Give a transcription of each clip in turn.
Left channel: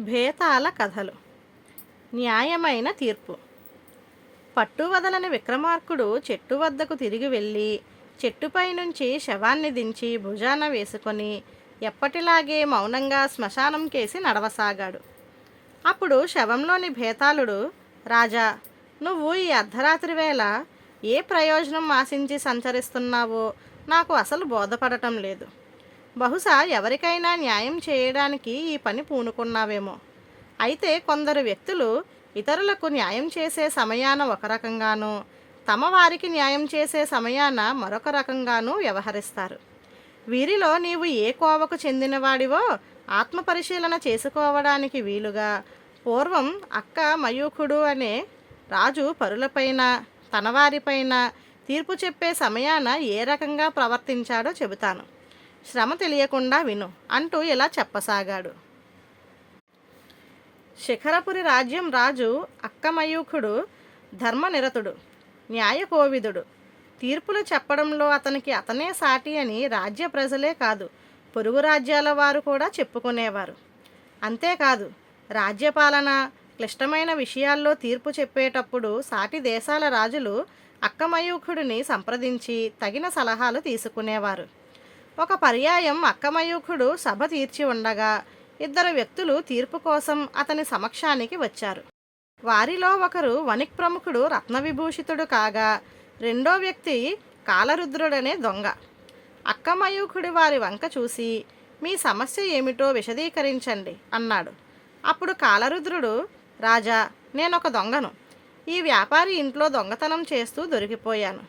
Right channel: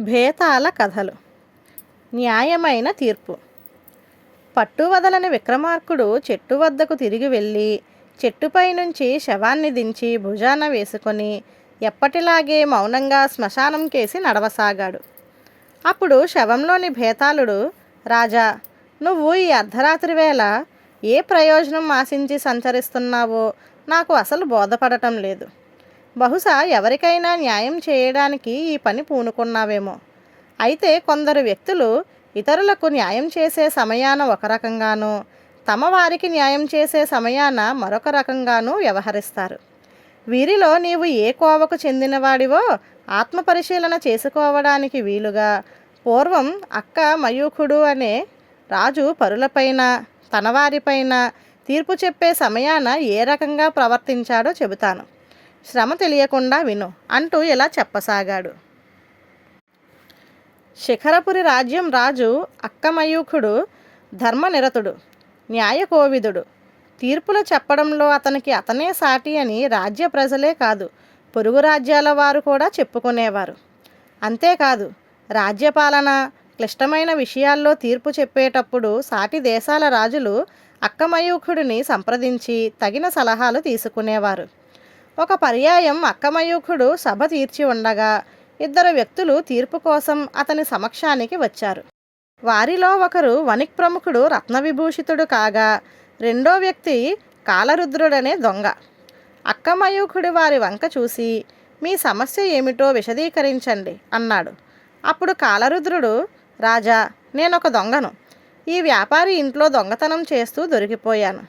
భేతాల కథలు. న్యాయమైన తీర్పు. పట్టువదలని విక్రమార్కుడు చెట్టు వద్దకు తిరిగి వెళ్ళి చెట్టుపై నుంచి శవాన్ని దించి భుజాన వేసుకొని ఎప్పటిలాగే మౌనంగా శ్మశానం కేసి నడవసాగాడు. అప్పుడు శవంలోని భేతాళుడు రాజా నువ్వు ఈ అర్ధరాత్రి వేళ ఏ ప్రయోజనం ఆశించి సంచరిస్తున్నావో నాకు అసలు బోధపడటం లేదు. బహుశా ఎవరికైనా న్యాయం చేయడానికి ఈ పని పూనుకున్నావేమో. అయితే కొందరు వ్యక్తులు ఇతరులకు న్యాయం చేసే సమయాన ఒక రకంగానూ తమ వారికి న్యాయం చేసే సమయాన మరొక రకంగానూ వ్యవహరిస్తారు. వీరిలో నీవు ఏ కోవకు చెందినవాడివో ఆత్మపరిశీలన చేసుకోవడానికి వీలుగా పూర్వం అక్క మయూఖుడు అనే రాజు పరులపైన తనవారిపైన తీర్పు చెప్పే సమయాన ఏ రకంగా ప్రవర్తించాడో చెబుతాను. శ్రమ తెలియకుండా విను అంటూ ఇలా చెప్పసాగాడు. శిఖరపురి రాజ్యం రాజు అక్కమయూఖుడు ధర్మనిరతుడు న్యాయకోవిదుడు. తీర్పులు చెప్పడంలో అతనికి అతనే సాటి అని రాజ్య ప్రజలే కాదు పొరుగు రాజ్యాల వారు కూడా చెప్పుకునేవారు. అంతేకాదు రాజ్యపాలన క్లిష్టమైన విషయాల్లో తీర్పు చెప్పేటప్పుడు సాటి దేశాల రాజులు అక్కమయూఖుడిని సంప్రదించి తగిన సలహాలు తీసుకునేవారు. ఒక పర్యాయం అక్కమయూఖుడు సభ తీర్చి ఉండగా ఇద్దరు వ్యక్తులు తీర్పు కోసం అతని సమక్షానికి వచ్చారు. వారిలో ఒకరు వణిక్ ప్రముఖుడు రత్నవిభూషితుడు కాగా రెండో వ్యక్తి కాలరుద్రుడనే దొంగ. అక్కమయూఖుడు వారి వంక చూసి మీ సమస్య ఏమిటో విశదీకరించండి అన్నాడు. అప్పుడు కాలరుద్రుడు రాజా నేనొక దొంగను. ఈ వ్యాపారి ఇంట్లో దొంగతనం చేస్తూ దొరికిపోయాను.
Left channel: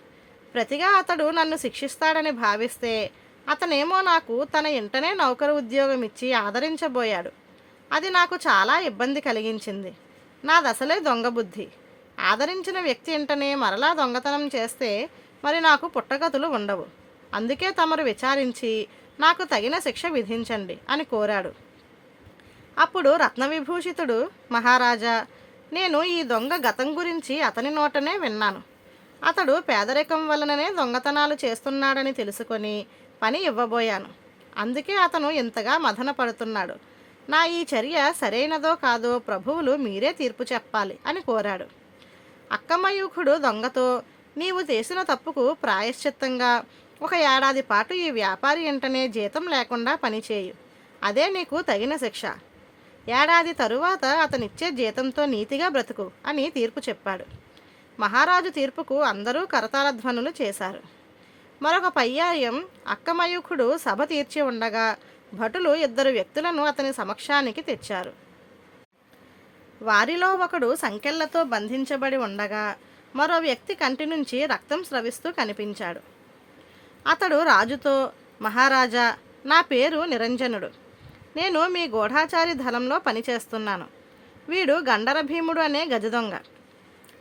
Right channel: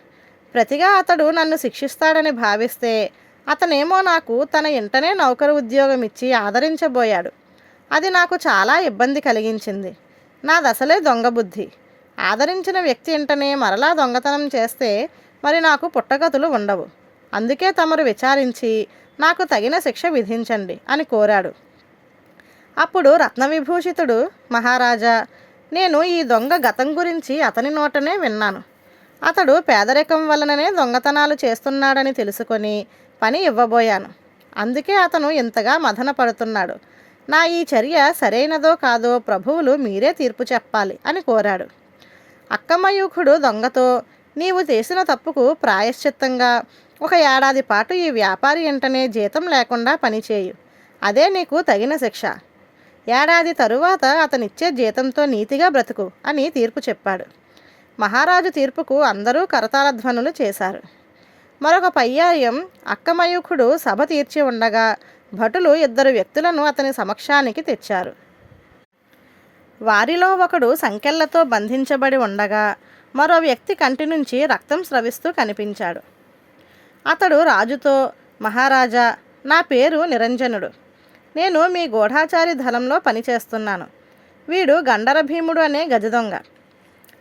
ప్రతిగా అతడు నన్ను శిక్షిస్తాడని భావిస్తే అతనేమో నాకు తన ఇంటనే నౌకరు ఉద్యోగం ఇచ్చి ఆదరించబోయాడు. అది నాకు చాలా ఇబ్బంది కలిగించింది. నా దశలే దొంగ బుద్ధి. ఆదరించిన వ్యక్తి ఇంటనే మరలా దొంగతనం చేస్తే మరి నాకు పుట్టగతులు ఉండవు. అందుకే తమరు విచారించి నాకు తగిన శిక్ష విధించండి అని కోరాడు. అప్పుడు రత్నవిభూషితుడు మహారాజా నేను ఈ దొంగ గతం గురించి అతని నోటనే విన్నాను. అతడు పేదరికం వలననే దొంగతనాలు చేస్తున్నాడని తెలుసుకొని పని ఇవ్వబోయాను. అందుకే అతను ఇంతగా మదన పడుతున్నాడు నా ఈ చర్య సరైనదో కాదో ప్రభువులు మీరే తీర్పు చెప్పాలి అని కోరాడు. అక్కమయూఖుడు దొంగతో నీవు చేసిన తప్పుకు ప్రాయశ్చిత్తంగా ఒక ఏడాది పాటు ఈ వ్యాపారి వెంటనే జీతం లేకుండా పనిచేయు అదే నీకు తగిన శిక్ష. ఏడాది తరువాత అతనిచ్చే జీతంతో నీతిగా బ్రతుకు అని తీర్పు చెప్పాడు. మహారాజు తీర్పుకు అందరూ కరతాళ ధ్వనులు చేశారు. మరొక పర్యాయం అక్కమయూఖుడు సభ తీర్చి ఉండగా భటులు ఇద్దరు వ్యక్తులను అతని సమక్షానికి తెచ్చారు. వారిలో ఒకడు సంకెళ్ళతో బంధించబడి ఉండగా మరో వ్యక్తి కంటి నుంచి రక్తం స్రవిస్తూ కనిపించాడు. అతడు రాజుతో మహారాజా నా పేరు నిరంజనుడు. నేను మీ గూఢాచారి దళంలో పనిచేస్తున్నాను. వీడు గండర భీముడు అనే గజదొంగ.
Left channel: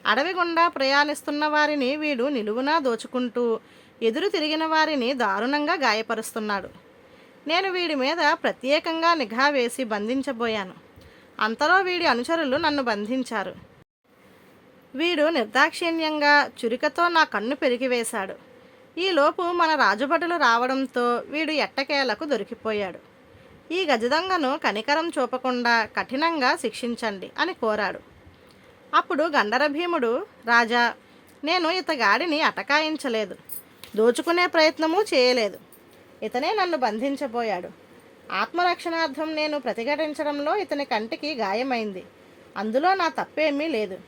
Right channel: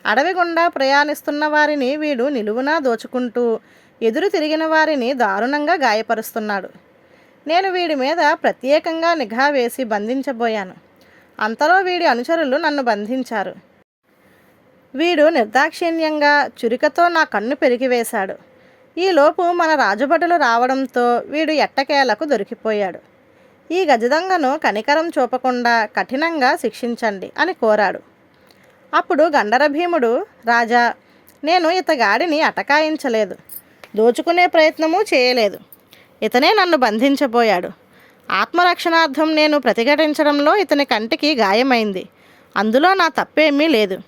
అడవి గుండా ప్రయాణిస్తున్న వారిని వీడు నిలువునా దోచుకుంటూ ఎదురు తిరిగిన వారిని దారుణంగా గాయపరుస్తున్నాడు. నేను వీడి మీద ప్రత్యేకంగా నిఘా వేసి బంధించబోయాను. అంతలో వీడి అనుచరులు నన్ను బంధించారు. వీడు నిర్దాక్షిణ్యంగా చురికతో నా కన్ను పెరిగివేశాడు ఈలోపు మన రాజభటులు రావడంతో వీడు ఎట్టకేలకు దొరికిపోయాడు. ఈ గజదంగను కనికరం చూపకుండా కఠినంగా శిక్షించండి అని కోరాడు. అప్పుడు గండరభీముడు రాజా నేను ఇతగాడిని అటకాయించలేదు. దోచుకునే ప్రయత్నము చేయలేదు. ఇతనే నన్ను బంధించబోయాడు. ఆత్మరక్షణార్థం నేను ప్రతిఘటించడంలో ఇతని కంటికి గాయమైంది. అందులో నా తప్పేమీ లేదు.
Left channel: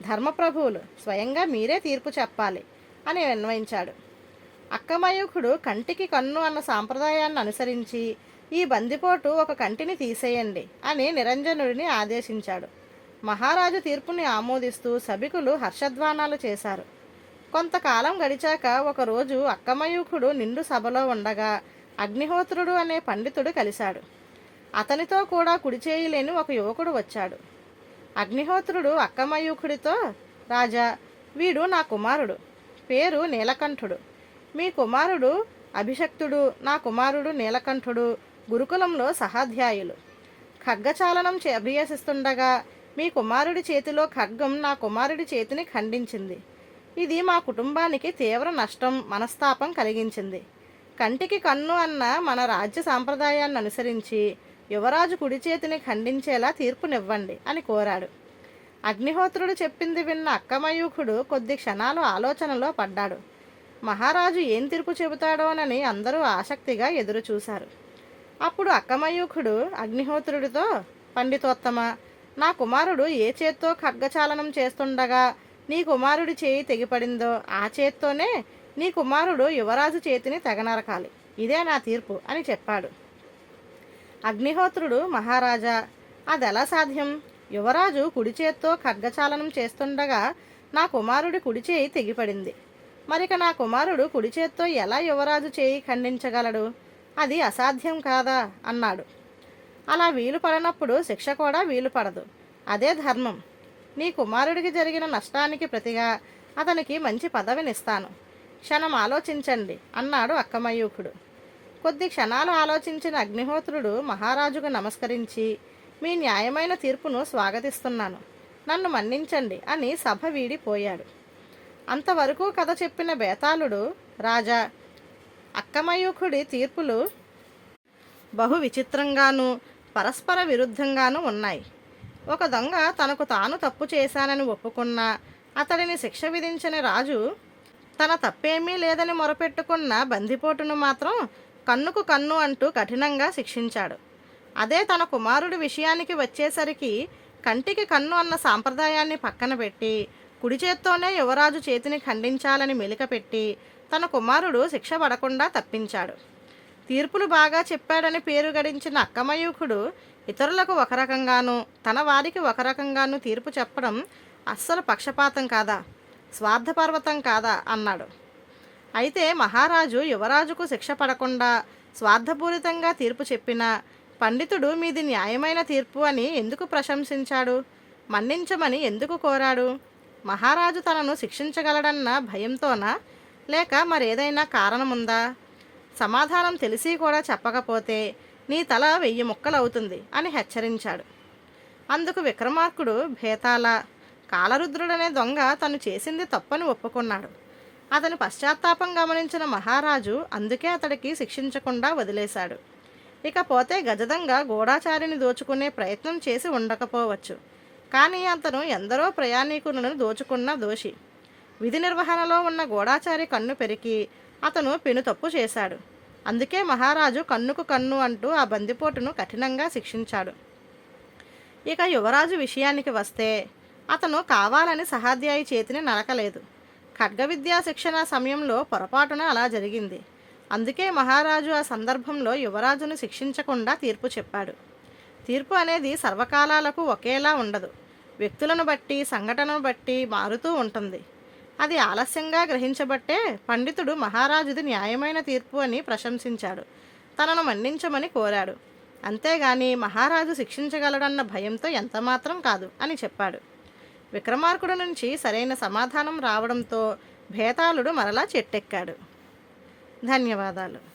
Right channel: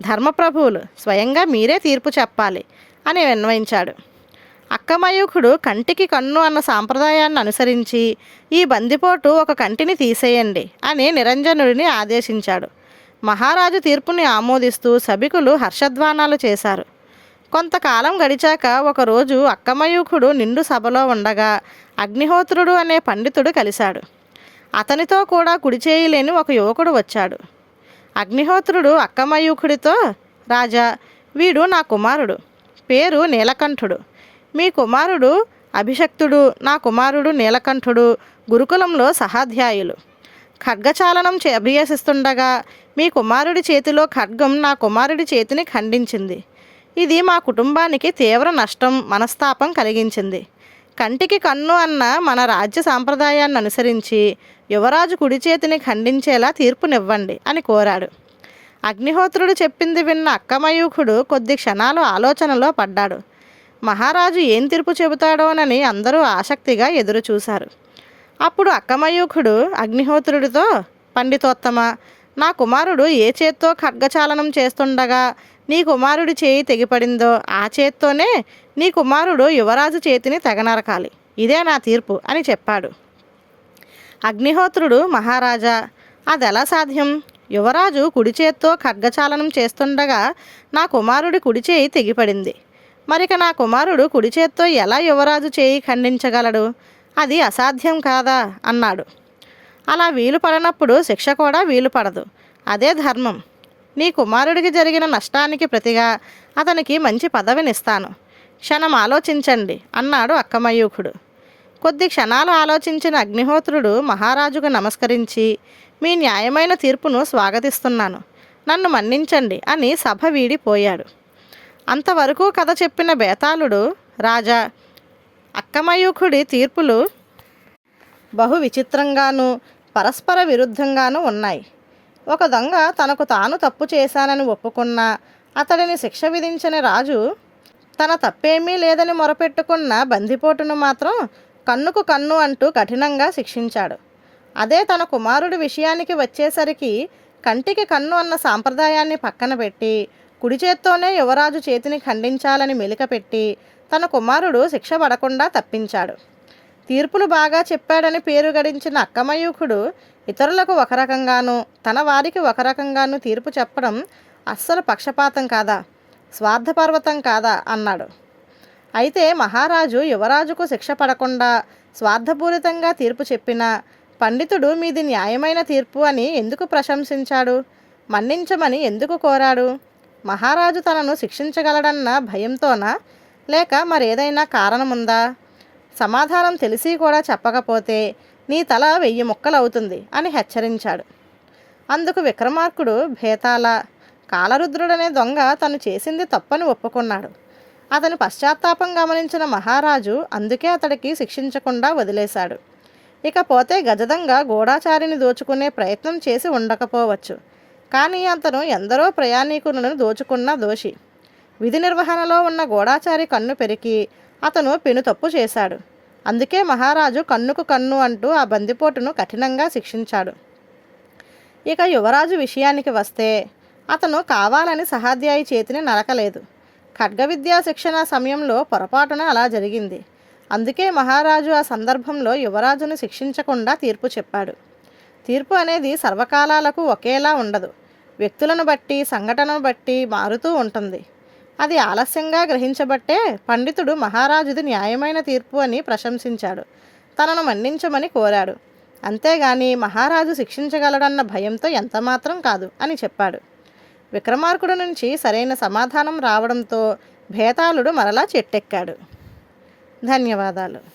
ధర్మప్రభువులు స్వయంగా మీరే తీర్పు చెప్పాలి అని విన్వయించాడు అక్కమయూఖుడు కంటికి కన్ను అన్న సాంప్రదాయాన్ని అనుసరించి ఈ బందిపోటు ఒక కంటిని తీసేయండి అని నిరంజనుడిని ఆదేశించాడు. మహారాజు తీర్పుని ఆమోదిస్తూ సభికులు హర్షధ్వానాలు చేశారు. కొంతకాలం గడిచాక ఒకరోజు అక్కమయూఖుడు నిండు సభలో ఉండగా అగ్నిహోత్రుడు అనే పండితుడు కలిశాడు. అతనితో కూడా కుడి చేయలేని ఒక యువకుడు వచ్చాడు. అగ్నిహోత్రుడు అక్కమయూఖుడితో రాజా వీడు నా కుమారుడు. పేరు నీలకంఠుడు. మీ కుమారుడు అభిషక్తుడు నా కుమారుడు నీలకంఠుడు గురుకులంలో సహాధ్యాయులు. ఖడ్గచాలనం చే అభ్యసిస్తుండగా మీ కుమారుడి చేతిలో ఖడ్గం నా కుమారుడి చేతిని ఖండించింది. ఇది మా కుటుంబానికి తీవ్ర నష్టం మనస్తాపం కలిగించింది. కంటికి కన్ను అన్న మన రాజ్య సాంప్రదాయాన్ని అనుసరించి యువరాజు కుడి చేతిని ఖండించేలా తీర్పునివ్వండి అని కోరాడు. అగ్నిహోత్రుడు చెప్పింది విన్న అక్కమయూఖుడు కొద్ది క్షణాలు ఆలోచనలో పడ్డాడు. మహారాజు ఏం తీర్పు చెబుతాడోనని అందరూ ఆసక్తిగా ఎదురుచూశారు. అప్పుడు అక్కమయూఖుడు అగ్నిహోత్రుడితో పండితోత్తమ నా కుమారుడు ఏ చేత్తో ఖడ్గచాలనం చేస్తుండగా నీ కుమారుడి చేయి తెగిపడిందో ఆ చేత్తోనే నీ కుమారుడు యువరాజు చేతిని తెగనరకాలి. ఇదే నా తీర్పు అని చెప్పాడు. అగ్నిహోత్రుడు మహారాజా అదెలా సాధ్యం? యువరాజు కుడి చేత్తో ఖడ్గచాలనం చేస్తుండగా నా కుమారుడి కుడి చేయి తెగిపడింది. మరిక నా కుమారుడు కుడి చేత్తో ఎలా యువరాజు చేయి ఖండించగలడు? అది అసాధ్యం కాదా? అన్నాడు. అలా వీలు పడనప్పుడు శిక్ష కూడా వీలు పడదు. అదే ధర్మం. నీ కుమారుడికి జరిగిన నష్టానికి ప్రతిగా అతనికి మంచి పదవినిస్తాను. క్షణం ఆలోచించండి అన్నాడు అక్కమయూఖుడు కొద్ది క్షణాలు ఆలోచించిన అగ్నిహోత్రుడు మహారాజుకు నమస్కరించి మీ న్యాయమైన తీర్పును స్వాగతిస్తున్నాను. నన్ను మన్నించండి అని సభ వీడిపోయాడు. అంతవరకు కథ చెప్పిన బేతాళుడు రాజా అక్కమయూఖుడి తీర్పులు బహు విచిత్రంగాను పరస్పర విరుద్ధంగానూ ఉన్నాయి. ఒక దొంగ తనకు తాను తప్పు చేశానని ఒప్పుకున్నా అతడిని శిక్ష విధించిన రాజు తన తప్పేమీ లేదని మొరపెట్టుకున్న బందిపోటును మాత్రం కన్నుకు కన్ను అంటూ కఠినంగా శిక్షించాడు. అదే తన కుమారుడి విషయానికి వచ్చేసరికి కంటికి కన్ను అన్న సాంప్రదాయాన్ని పక్కన పెట్టి కుడి చేత్తోనే యువరాజు చేతిని ఖండించాలని మెలికపెట్టి తన కుమారుడు శిక్ష పడకుండా తప్పించాడు. తీర్పులు బాగా చెప్పాడని పేరు గడించిన అక్కమయూకుడు ఇతరులకు ఒక రకంగానూ తన వారికి ఒక రకంగానూ తీర్పు చెప్పడం అస్సలు పక్షపాతం కాదా స్వార్థపర్వతం కాదా అన్నాడు. అయితే మహారాజు యువరాజుకు శిక్ష పడకుండా స్వార్థపూరితంగా తీర్పు చెప్పినా పండితుడు మీది న్యాయమైన తీర్పు అని ఎందుకు ప్రశంసించాడు మన్నించమని ఎందుకు కోరాడు మహారాజు తనను శిక్షించగలడన్న భయంతోనా లేక మరేదైనా కారణముందా? సమాధానం తెలిసి కూడా చెప్పకపోతే నీ తల వెయ్యి ముక్కలవుతుంది అని హెచ్చరించాడు. అందుకు విక్రమార్కుడు భేతాల కాలరుద్రుడనే దొంగ తను చేసింది తప్పని ఒప్పుకున్నాడు. అతని పశ్చాత్తాపం గమనించిన మహారాజు అందుకే అతడికి శిక్షించకుండా వదిలేశాడు. ఇకపోతే గజదంగ గూఢాచారిని దోచుకునే ప్రయత్నం చేసి ఉండకపోవచ్చు. కానీ అతను ఎందరో ప్రయాణికులను దోచుకున్న దోషి. విధి నిర్వహణలో ఉన్న గూఢాచారి కన్ను పెరికి అతను పెను తప్పు చేశాడు. అందుకే మహారాజు కన్నుకు కన్ను అంటూ ఆ బందిపోటును కఠినంగా శిక్షించాడు. ఇక యువరాజు విషయానికి వస్తే అతను కావాలని సహాధ్యాయి చేతిని నరకలేదు. ఖడ్గ విద్యా శిక్షణ సమయంలో పొరపాటున అలా జరిగింది. అందుకే మహారాజు ఆ సందర్భంలో యువరాజును శిక్షించకుండా తీర్పు చెప్పాడు. తీర్పు అనేది సర్వకాలాలకు ఒకేలా ఉండదు. వ్యక్తులను బట్టి సంఘటనను బట్టి మారుతూ ఉంటుంది. అది ఆలస్యంగా గ్రహించబట్టే పండితుడు మహారాజుది న్యాయమైన తీర్పు అని ప్రశంసించాడు. తనను మన్నించమని కోరాడు. అంతేగాని మహారాజు శిక్షించగలడన్న భయంతో ఎంతమాత్రం కాదు అని చెప్పాడు. విక్రమార్కుడు నుంచి సరైన సమాధానం రావడంతో భేతాళుడు మరలా చెట్టెక్కాడు. ధన్యవాదాలు.